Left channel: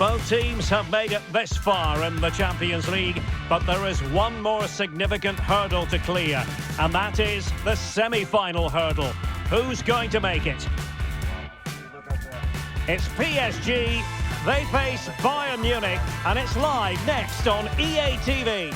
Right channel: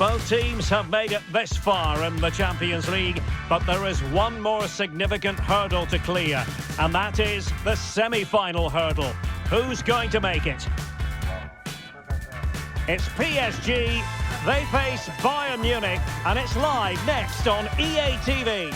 Both teams have made it this far in the Champions League, but there is one more significant hurdle to clear, and that is the semi-final hurdle. Who's going to make it? It's PSG, they face Bayern Munich, and it's live next on EA TV.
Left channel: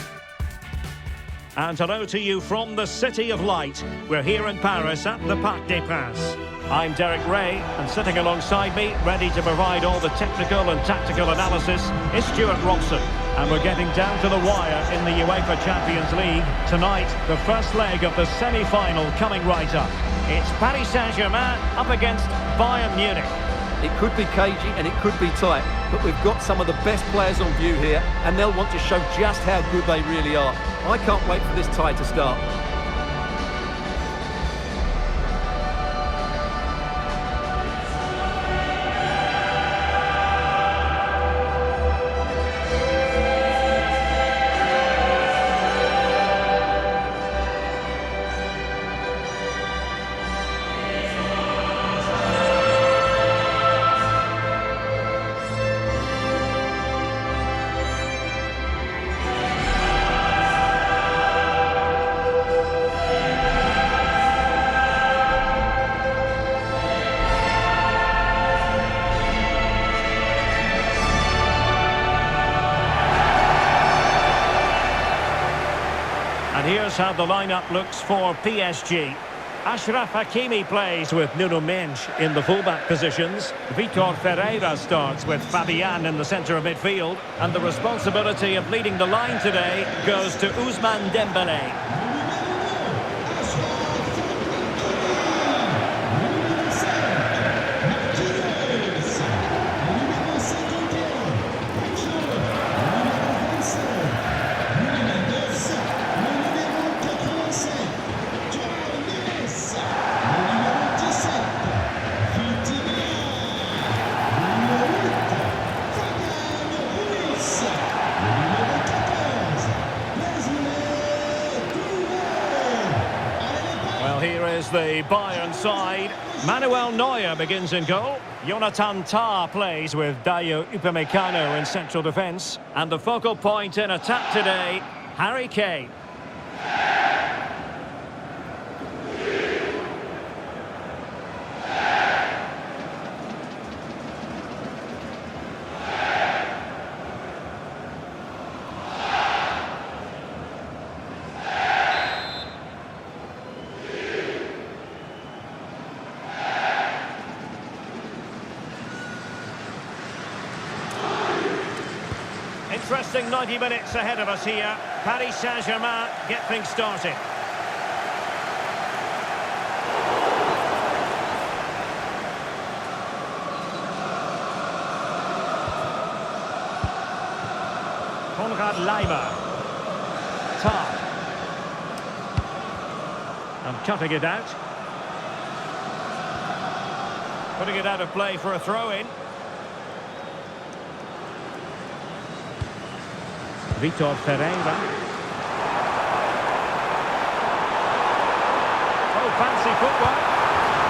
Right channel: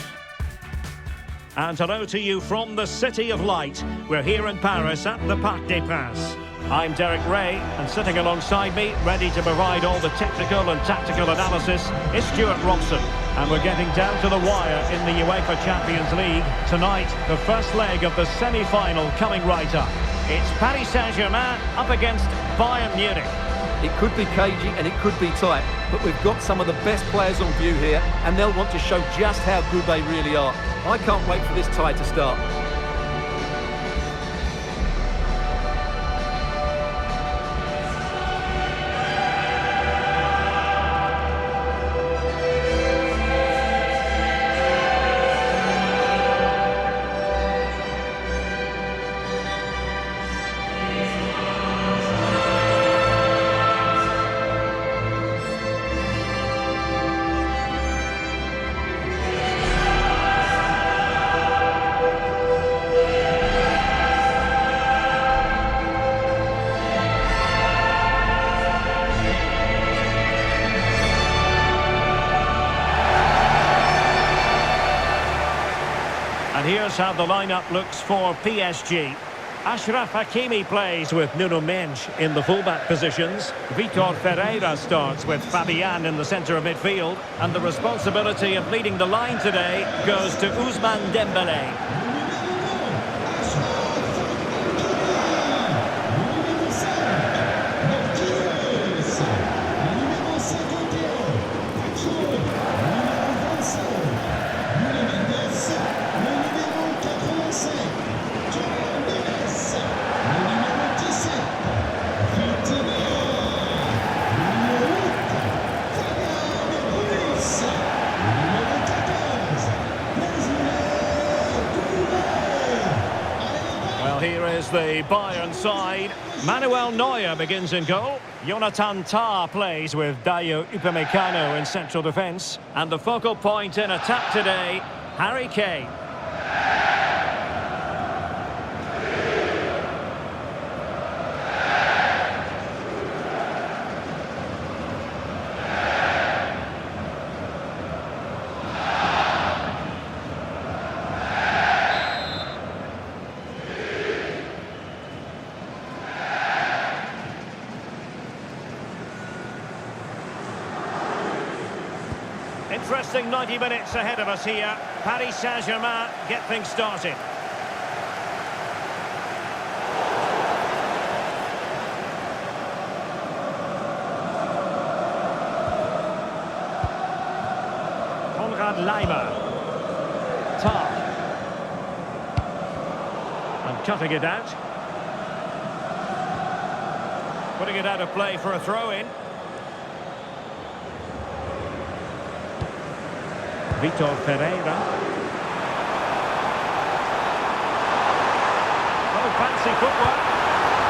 And hello to you from the City of Light. We're here in Paris at the Parc des Princes. I'm Derek Ray, and sitting alongside me, ready to provide all the technical and tactical analysis, is Stuart Robson. And we're getting down to the wire in the UEFA Champions League. Tonight, the first leg of the semi-final coming right up. It's Paris Saint-Germain up against Bayern Munich. It could be cagey and it could be tight, but we've got some of the best players on view here, and they'll want to show just how good they really are. I can't wait for this tie to start. And here's how the lineup looks for PSG. Achraf Hakimi plays with Nuno Mendes in the fullback positions. Vitor Ferreira starts with Fabian in the centre of midfield. And the responsibility of leading the line today goes to Ousmane Dembélé. Well, here is the Bayern side. Manuel Neuer begins in goal. Jonathan Tah plays with Dayo Upamecano in central defence. And the focal point in attack today, Harry Kane. Interesting 90 minutes ahead of us here. Paris Saint-Germain get things started. Konrad Laimer. Tah. And cutting it out. Putting it out of play for a throw-in. Vitor Ferreira. Oh, fancy footwork.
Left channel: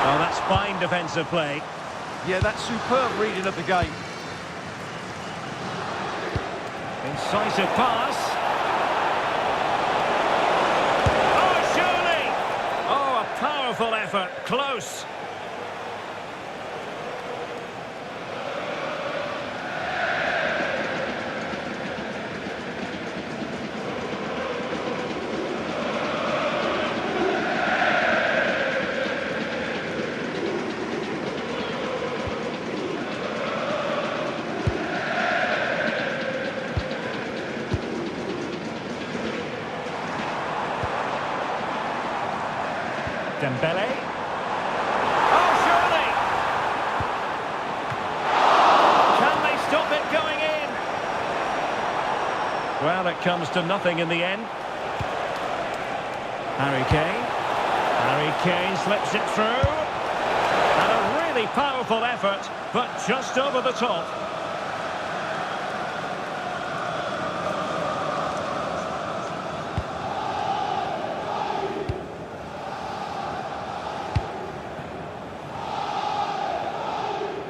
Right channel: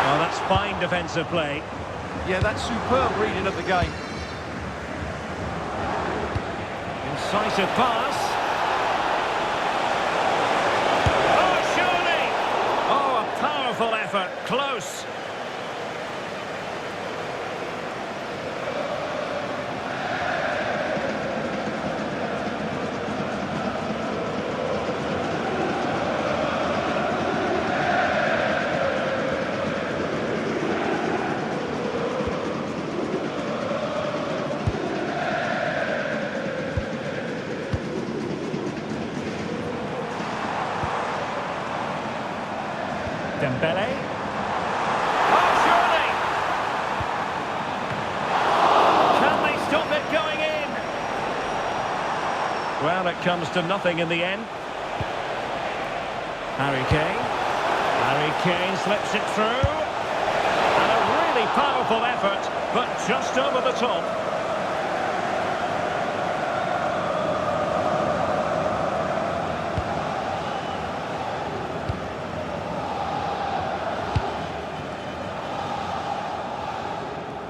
Well, that's fine defensive play. Yeah, that's superb reading of the game. Incisive pass. Oh, surely! Oh, a powerful effort. Close. Dembélé. Oh, surely! Can they stop it going in? Well, it comes to nothing in the end. Harry Kane. Harry Kane slips it through. And a really powerful effort, but just over the top.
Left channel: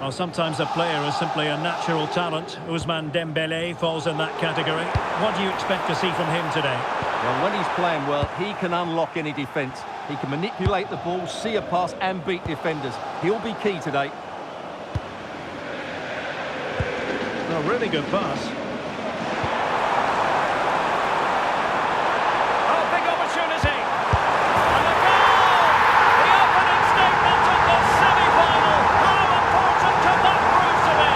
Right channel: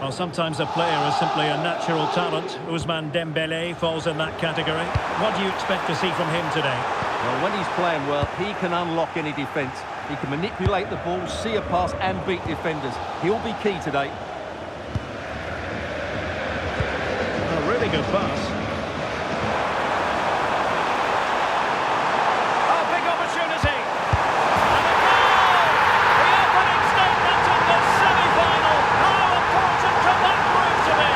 Well, sometimes a player is simply a natural talent. Ousmane Dembélé falls in that category. What do you expect to see from him today? Well, when he's playing well, he can unlock any defence. He can manipulate the ball, see a pass and beat defenders. He'll be key today. A really good pass. Oh, big opportunity. And a goal! The opening statement of the semi-final. How important can that prove to be?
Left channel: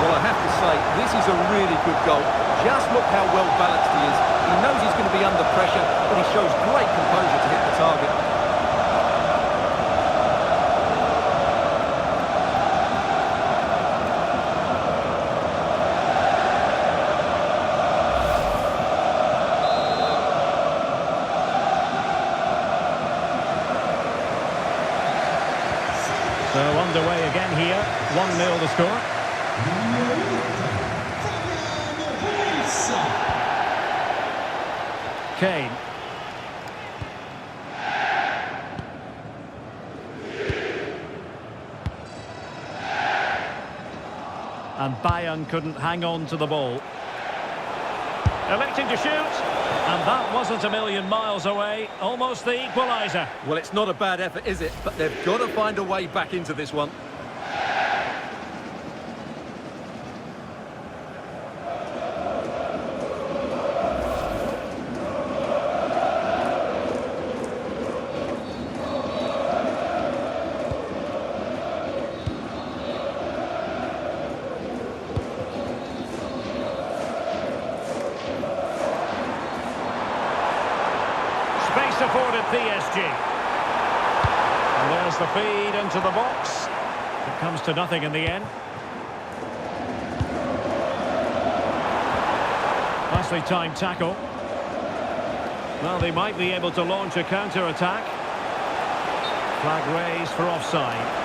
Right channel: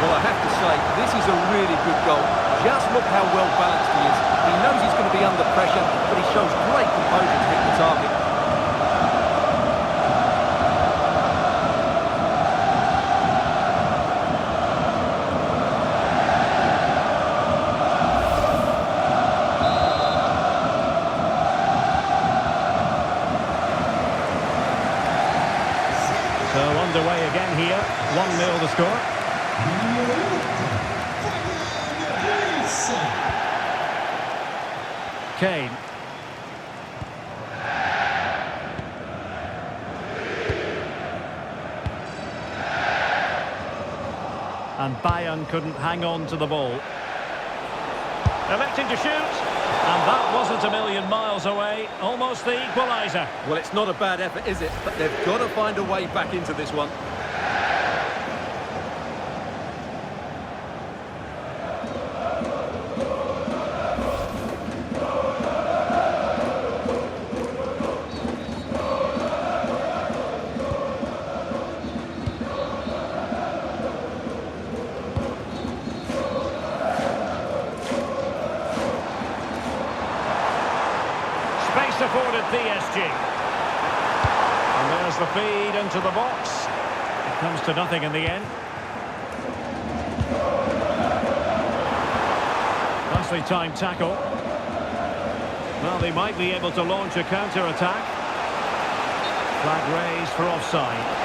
Well, I have to say, this is a really good goal. Just look how well balanced he is. He knows he's going to be under pressure, but he shows great composure to hit the target. So underway again here. 1-0 the score. Kane. And Bayern couldn't hang on to the ball. Electing to shoot. And that wasn't a million miles away. Almost the equaliser. Well, it's not a bad effort, is it? But they've got to find a way back into this one. Space afforded PSG. And there's the feed into the box. It comes to nothing in the end. Nicely timed tackle. Well, they might be able to launch a counter-attack. Flag raised for offside.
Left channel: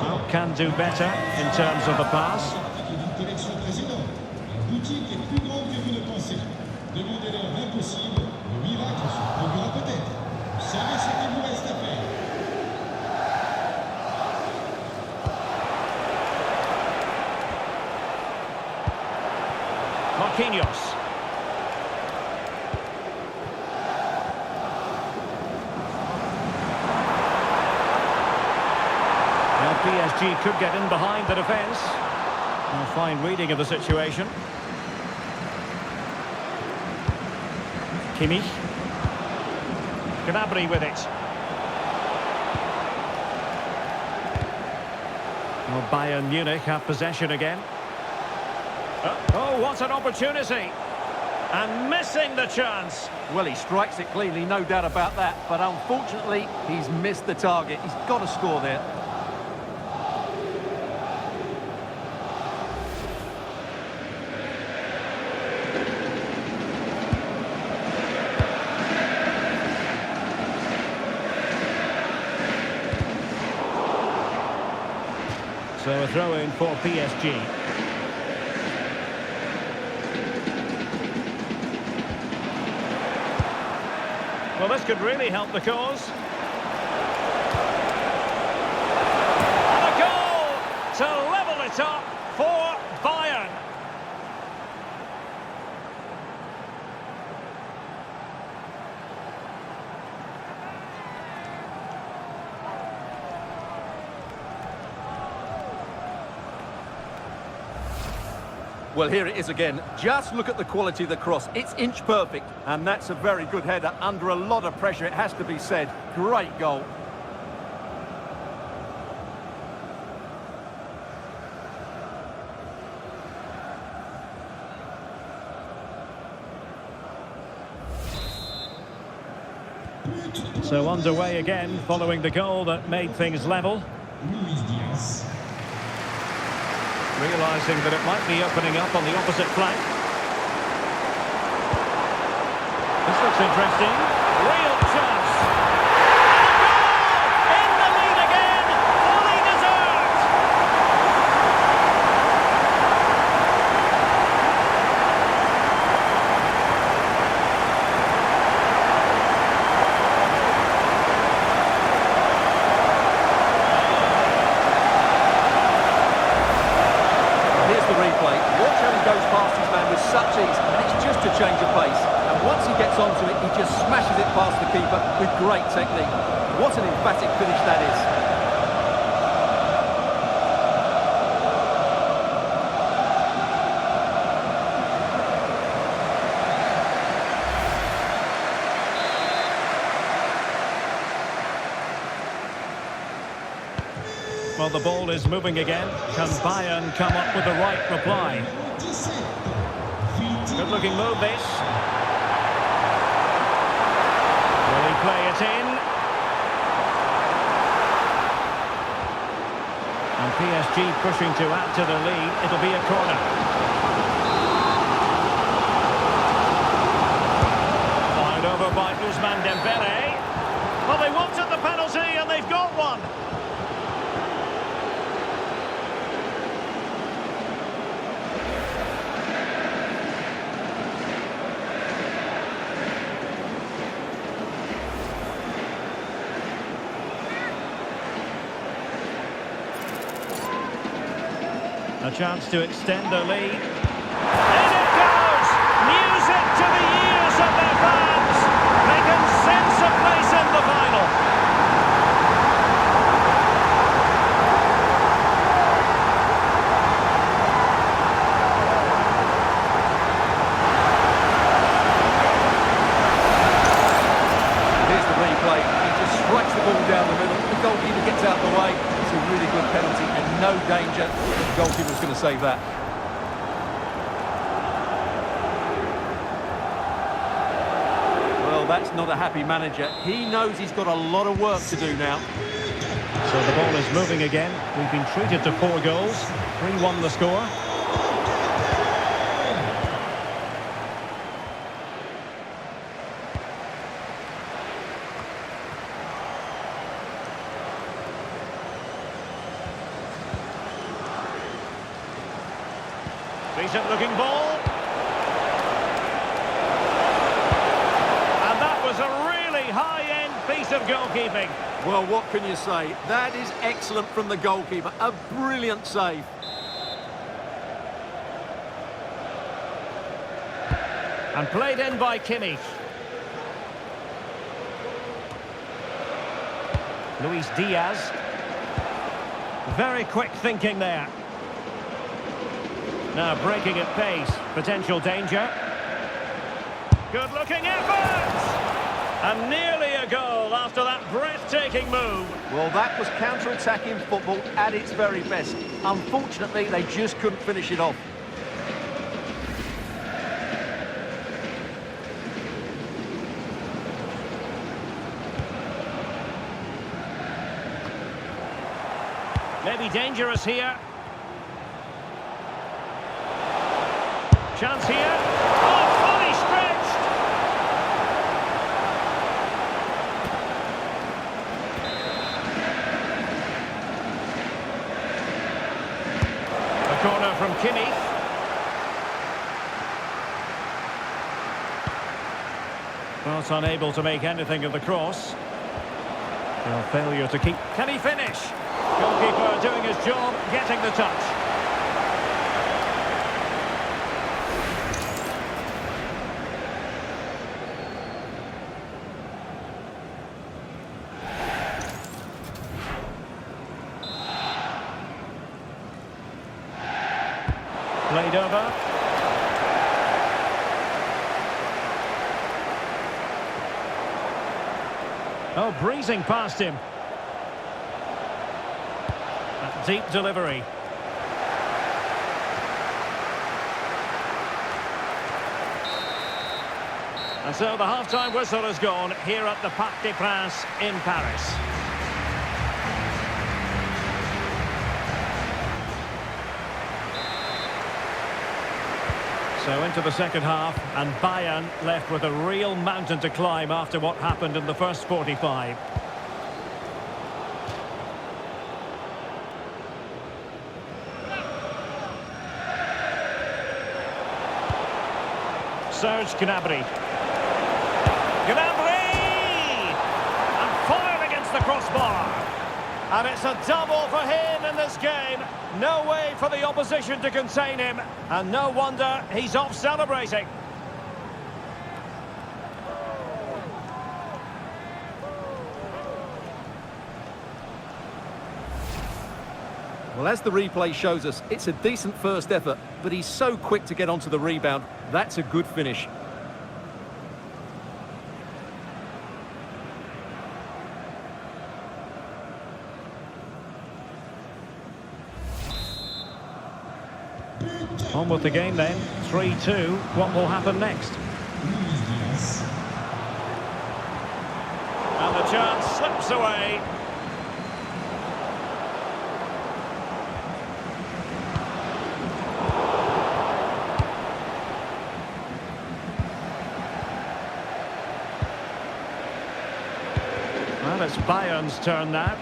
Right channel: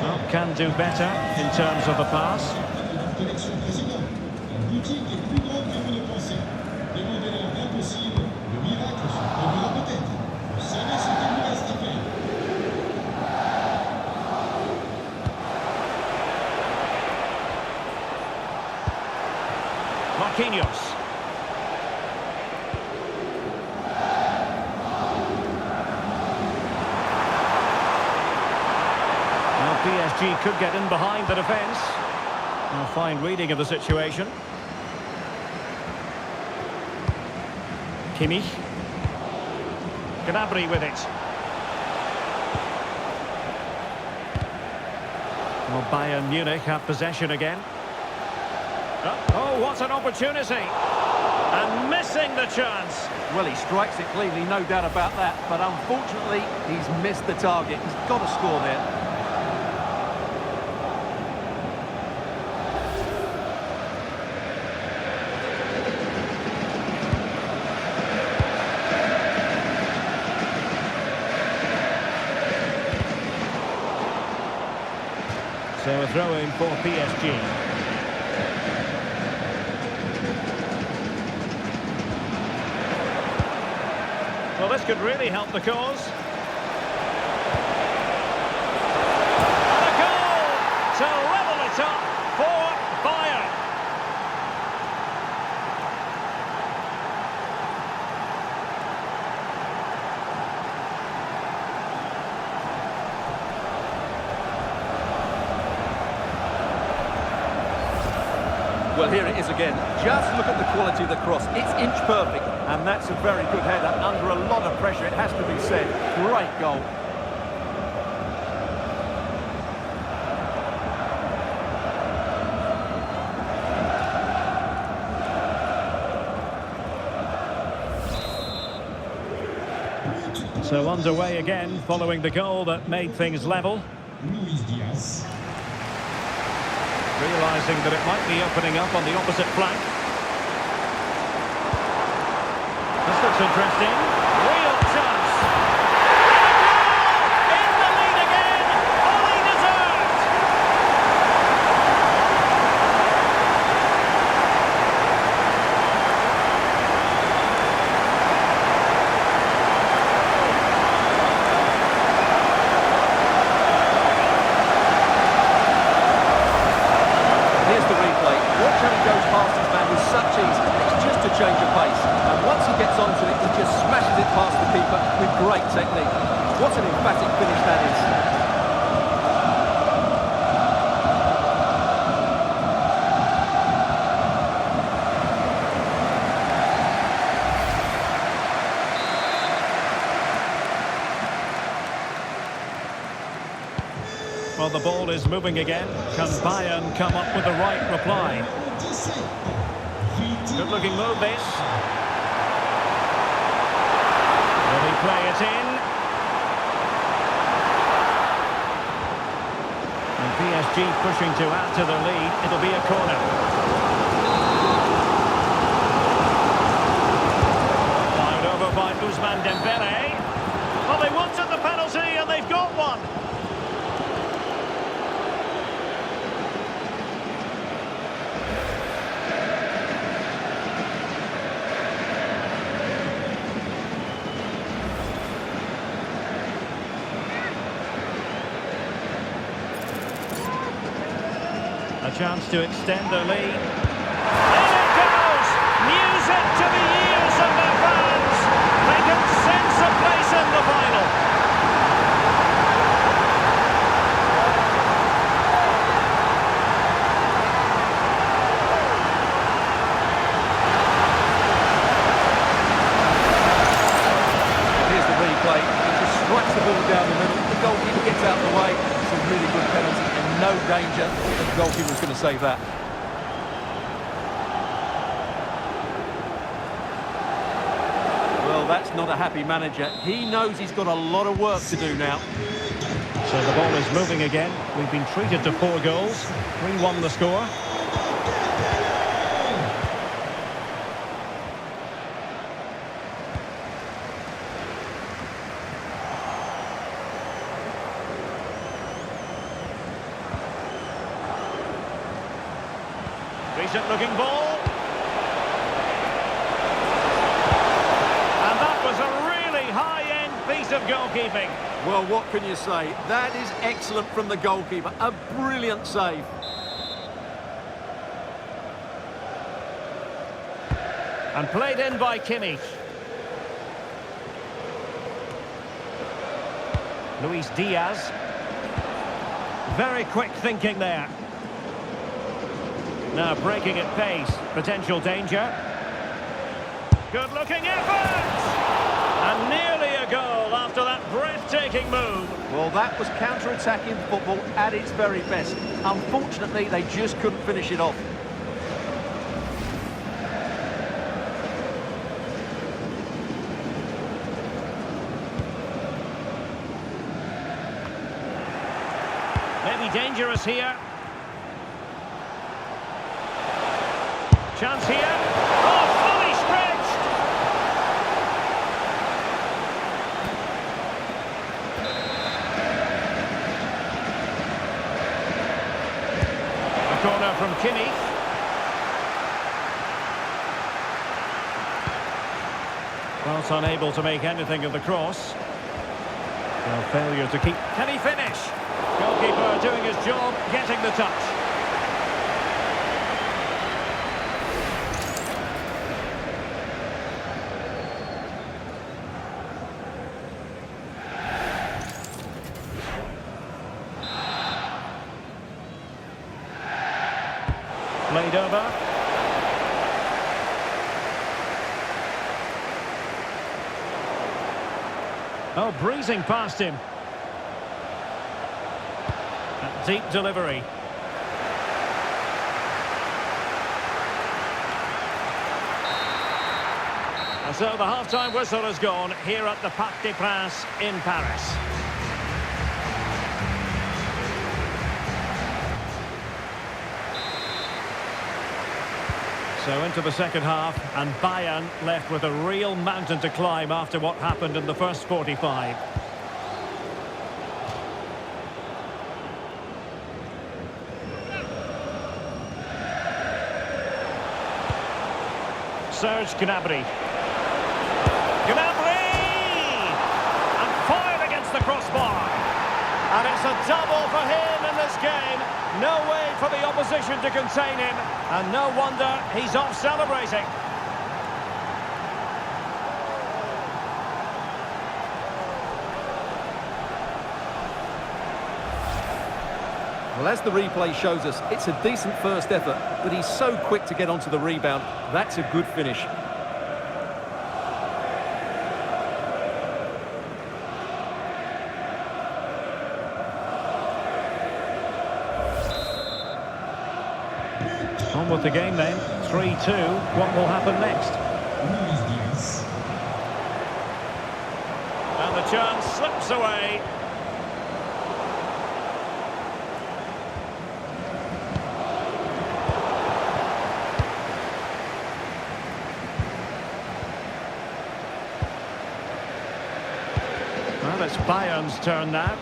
Well, can do better in terms of the pass. Marquinhos. Well, PSG could get in behind the defence. A fine reading of the situation. Kimmich. Gnabry with it. Well, Bayern Munich have possession again. Oh, what an opportunity. And missing the chance. Well, he strikes it cleanly, no doubt about that. But unfortunately, he's missed the target. He's got to score there. So a throw-in for PSG. Well, this could really help the cause. And a goal to level it up for Bayern. Well, here it is again. Just look at the quality of the cross. It's inch perfect, and that's a very good header under a lot of pressure, it has to be said. Great goal. So underway again, following the goal that made things level. Realising that it might be opening up on the opposite flank. This looks interesting. Real chance. And a goal! In the lead again! Fully deserved! Here's the replay. Watch how he goes past his man with such ease, and it's just a change of pace. And once he gets onto it, he just smashes it past the keeper with great technique. What an emphatic finish that is. Well, the ball is moving again. Can Bayern come up with the right reply? Good-looking move, this. Will he play it in? And PSG pushing to add to the lead. It'll be a corner. Fired over by Ousmane Dembele. Well, they wanted the penalty and they've got one. A chance to extend the lead. In it goes! Music to the ears of their fans! They can sense a place in the final. Here's the replay. He just strikes the ball down the middle. The goalkeeper gets out the way. It's a really good penalty and no danger. The goalkeeper was going to save that. Well, that's not a happy manager. He knows he's got a lot of work to do now. So the ball is moving again. We've been treated to 4 goals. 3-1 the score. Decent looking ball. And that was a really high-end piece of goalkeeping. Well, what can you say? That is excellent from the goalkeeper. A brilliant save. And played in by Kimmich. Luis Diaz. Very quick thinking there. Now breaking at pace, potential danger. Good-looking effort! And nearly a goal after that breathtaking move. Well, that was counter-attacking football at its very best. Unfortunately, they just couldn't finish it off. Maybe dangerous here. Chance here. Oh, fully stretched. A corner from Kimmich. Well, unable to make anything of the cross. Well, failure to keep. Can he finish? Goalkeeper doing his job, getting the touch. Played over. Oh, breezing past him. That deep delivery. And so the half-time whistle has gone here at the Parc des Princes in Paris. So into the second half, and Bayern left with a real mountain to climb after what happened in the first 45. Serge Gnabry. Gnabry! And fired against the crossbar. And it's a double for him in this game. No way for the opposition to contain him. And no wonder he's off celebrating. Well, as the replay shows us, it's a decent first effort, but he's so quick to get onto the rebound. That's a good finish. On with the game then, 3-2. What will happen next? And the chance slips away. Well, it's Bayern's turn now.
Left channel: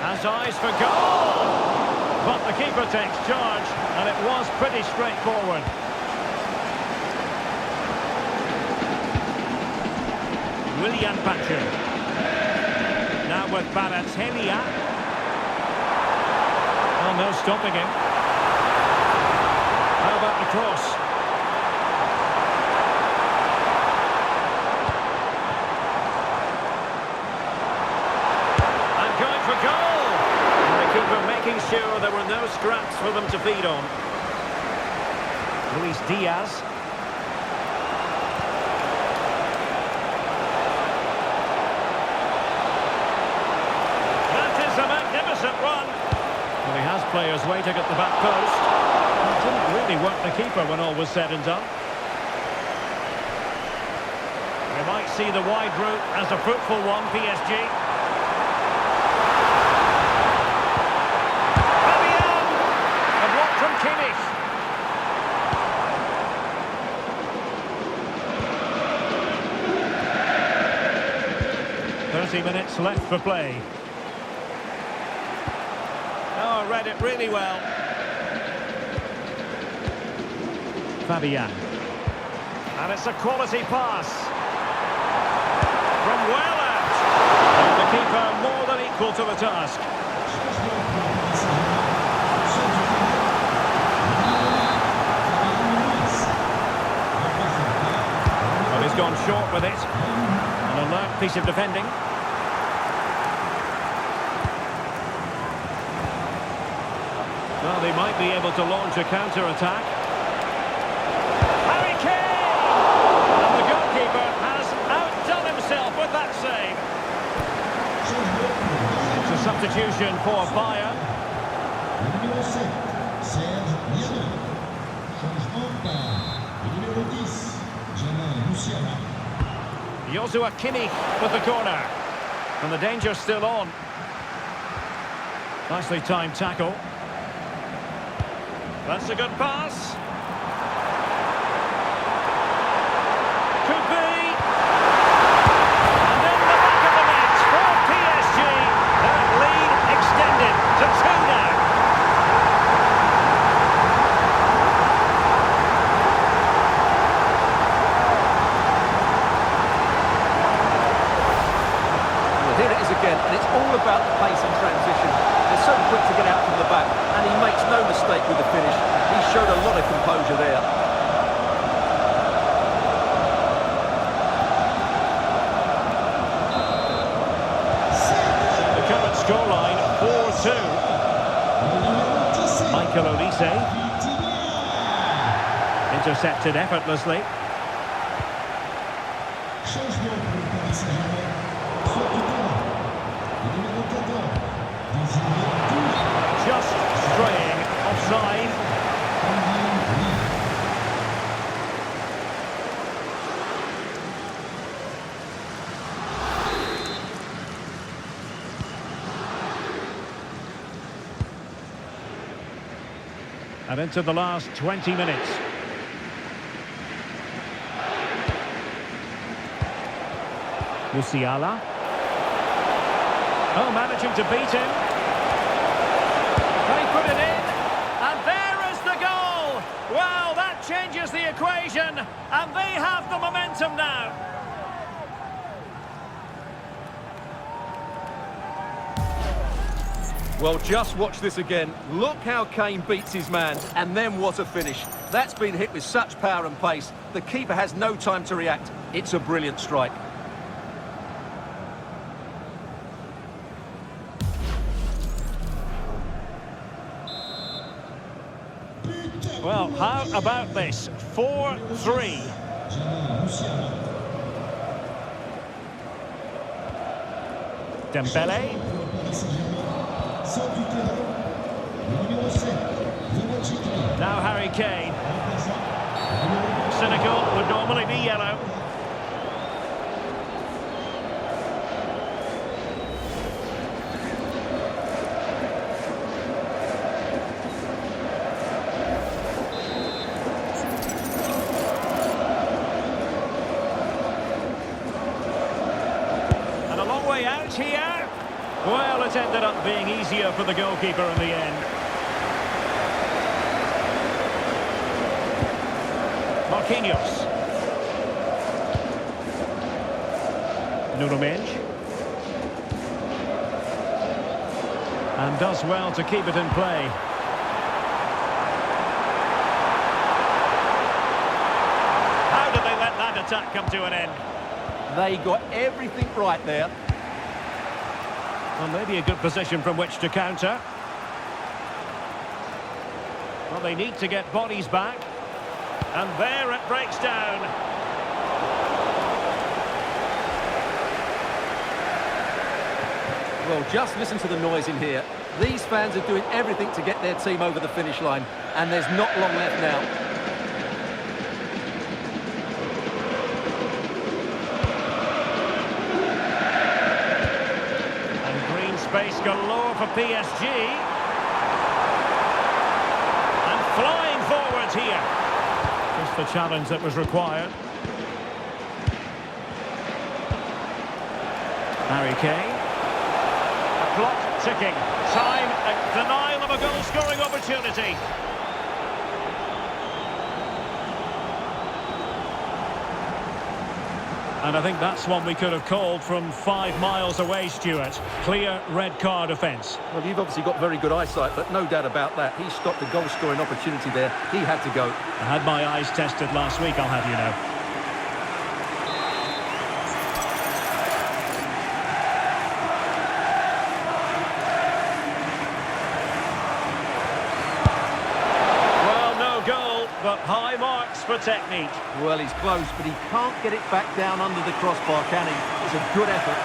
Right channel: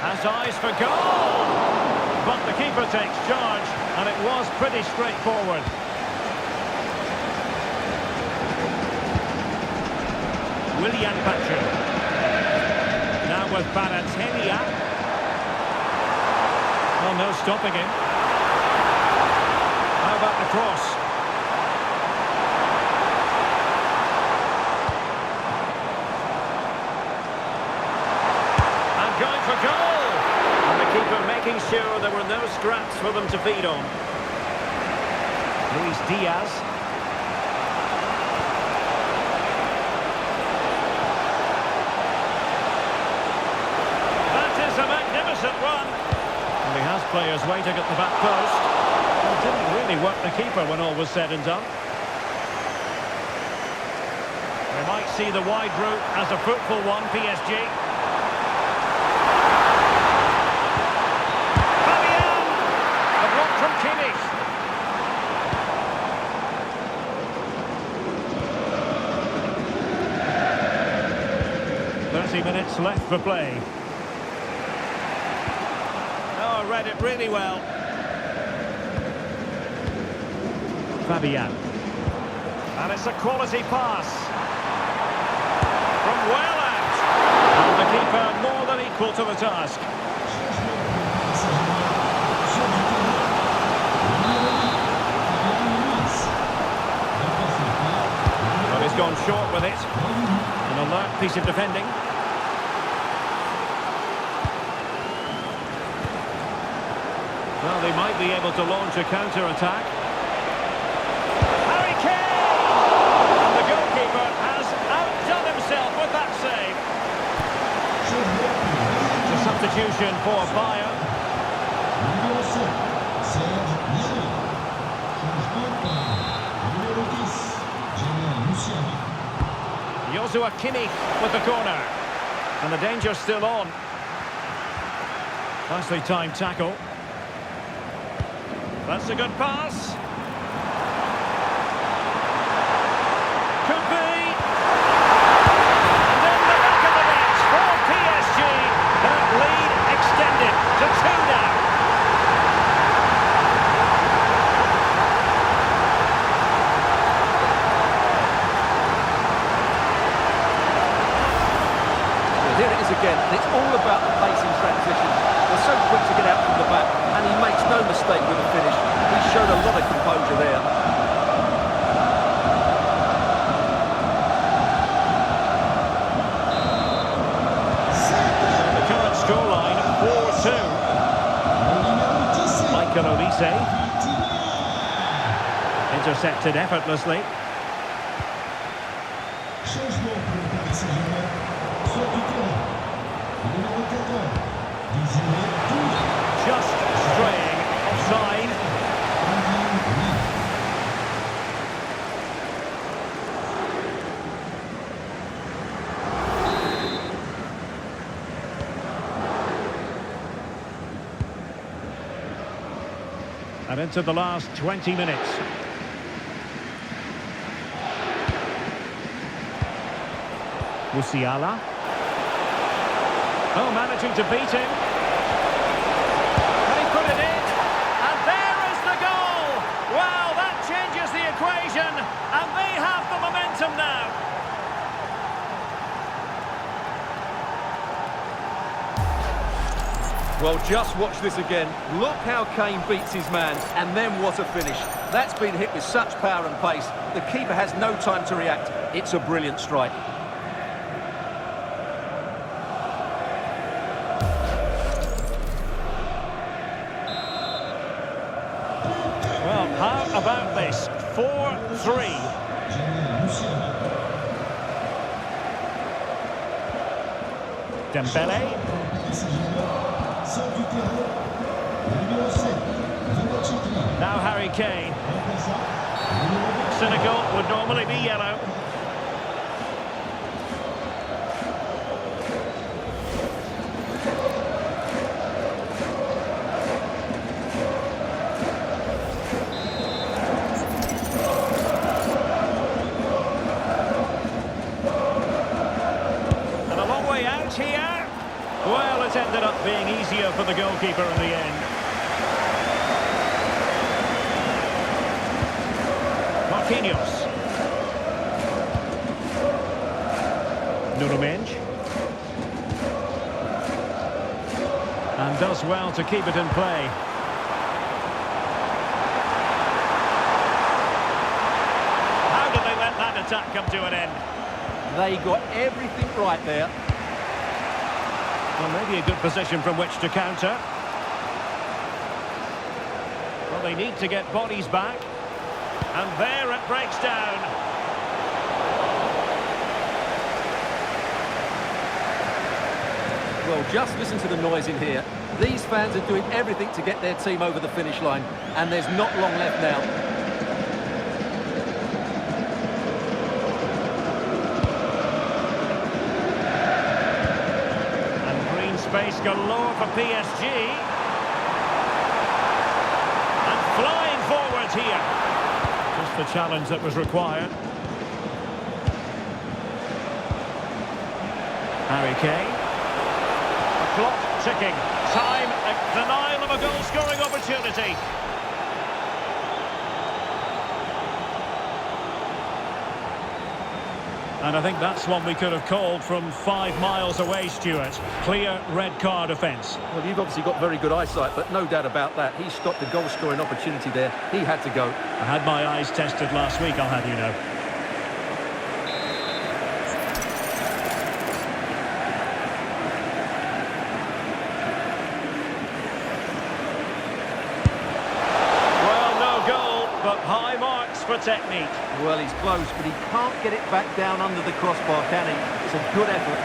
Has eyes for goal! But the keeper takes charge, and it was pretty straightforward. Willian Pachu. Now with Baratelia. Oh, no stopping him. How about the cross? Going for goal! And the keeper making sure there were no scraps for them to feed on. Luis Diaz. That is a magnificent run. Well, he has players waiting at the back post. It didn't really work the keeper when all was said and done. We might see the wide route as a fruitful one, PSG. From Kimmich. 30 minutes left for play. Oh, read it really well. Fabian. And it's a quality pass. From well out. And the keeper more than equal to the task. Well, he's gone short with it. An alert piece of defending. Well, they might be able to launch a counter-attack. Harry Kane! And the goalkeeper has outdone himself with that save. It's a substitution for Bayern. Joshua Kimmich with the corner. And the danger's still on. Nicely timed tackle. That's a good pass. Could be. And in the back of the net for PSG. Their lead extended to 2 now. Here it is again, and it's all about the pace in transition. They're so quick to get out from the back, and he makes no mistake with the finish. He showed a lot of composure there. The current scoreline, 4-2. Michael Olise. Intercepted effortlessly. Just straying offside. And into the last 20 minutes. Musiala. Oh, managing to beat him. Can he put it in? And there is the goal! Well, that changes the equation, and they have the momentum now. Well, just watch this again. Look how Kane beats his man, and then what a finish. That's been hit with such power and pace. The keeper has no time to react. It's a brilliant strike. Well, how about this? 4-3. Dembele. Now Harry Kane. Cynical would normally be yellow. And a long way out here. Well, it ended up being easier for the goalkeeper in the end. Marquinhos. MÜNCHEN. And does well to keep it in play. How did they let that attack come to an end? They got everything right there. Well, maybe a good position from which to counter. Well, they need to get bodies back. And there it breaks down. Well, just listen to the noise in here. These fans are doing everything to get their team over the finish line. And there's not long left now. Space galore for PSG. And flying forwards here. Just the challenge that was required. Harry Kane. A clock ticking. Time, a denial of a goal-scoring opportunity. And I think that's one we could have called from 5 miles away, Stuart. Clear red card offence. Well, you've obviously got very good eyesight, but no doubt about that. He stopped a goal-scoring opportunity there. He had to go. I had my eyes tested last week, I'll have you know. But high marks for technique. Well, he's close, but he can't get it back down under the crossbar, can he? It's a good effort.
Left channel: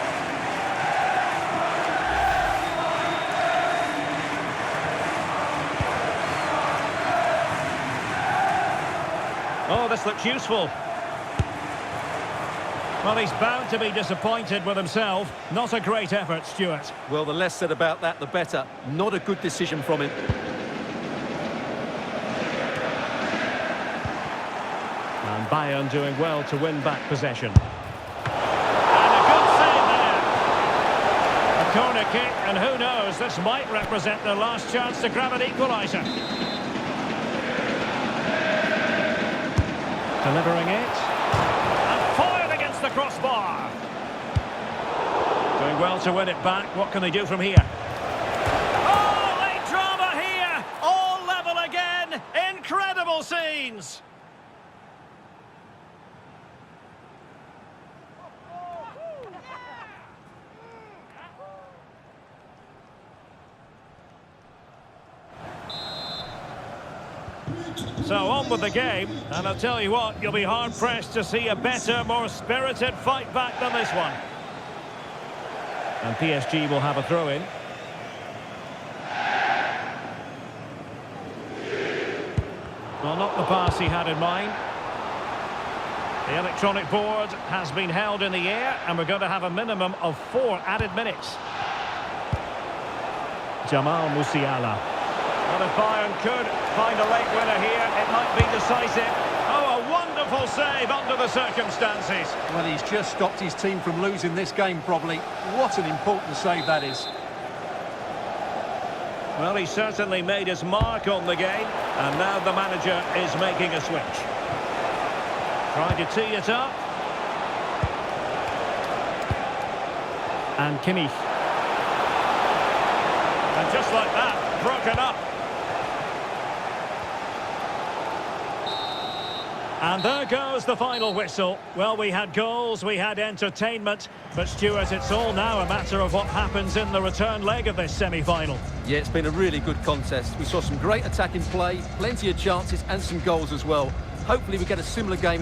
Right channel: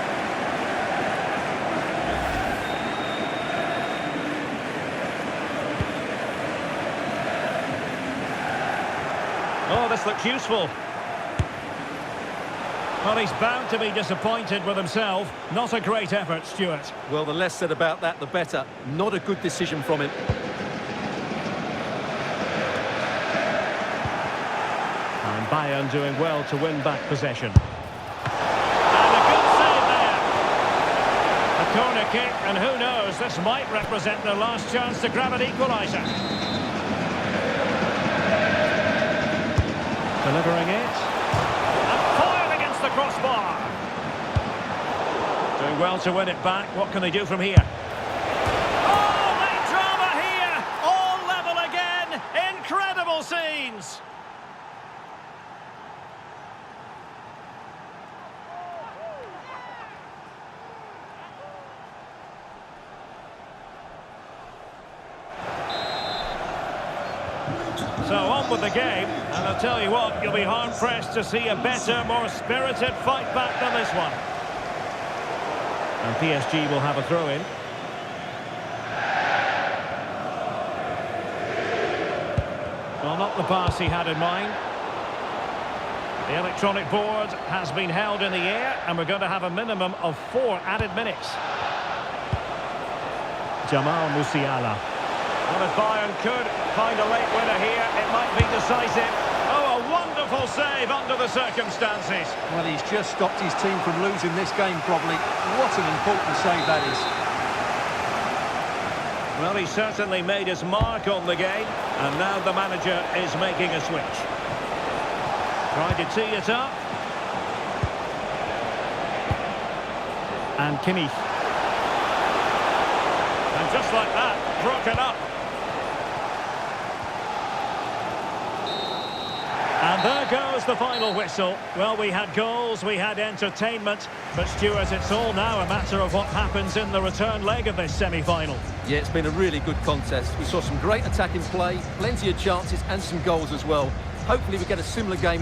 Oh, this looks useful. Well, he's bound to be disappointed with himself. Not a great effort, Stuart. Well, the less said about that, the better. Not a good decision from him. And Bayern doing well to win back possession. And a good save there. A corner kick, and who knows, this might represent their last chance to grab an equaliser. Delivering it. And foiled against the crossbar. Doing well to win it back. What can they do from here? Oh, late drama here. All level again. Incredible scenes. So on with the game, and I'll tell you what, you'll be hard-pressed to see a better, more spirited fight back than this one. And PSG will have a throw-in. Well, not the pass he had in mind. The electronic board has been held in the air, and we're going to have a minimum of 4 added minutes. Jamal Musiala. Well, if Bayern could find a late winner here, it might be decisive. Oh, a wonderful save under the circumstances. Well, he's just stopped his team from losing this game, probably. What an important save that is. Well, he certainly made his mark on the game, and now the manager is making a switch. Trying to tee it up. And Kimmich. And just like that, broken up. And there goes the final whistle. Well, we had goals, we had entertainment, but Stuart, it's all now a matter of what happens in the return leg of this semi-final. Yeah, it's been a really good contest. We saw some great attacking play, plenty of chances and some goals as well. Hopefully we get a similar game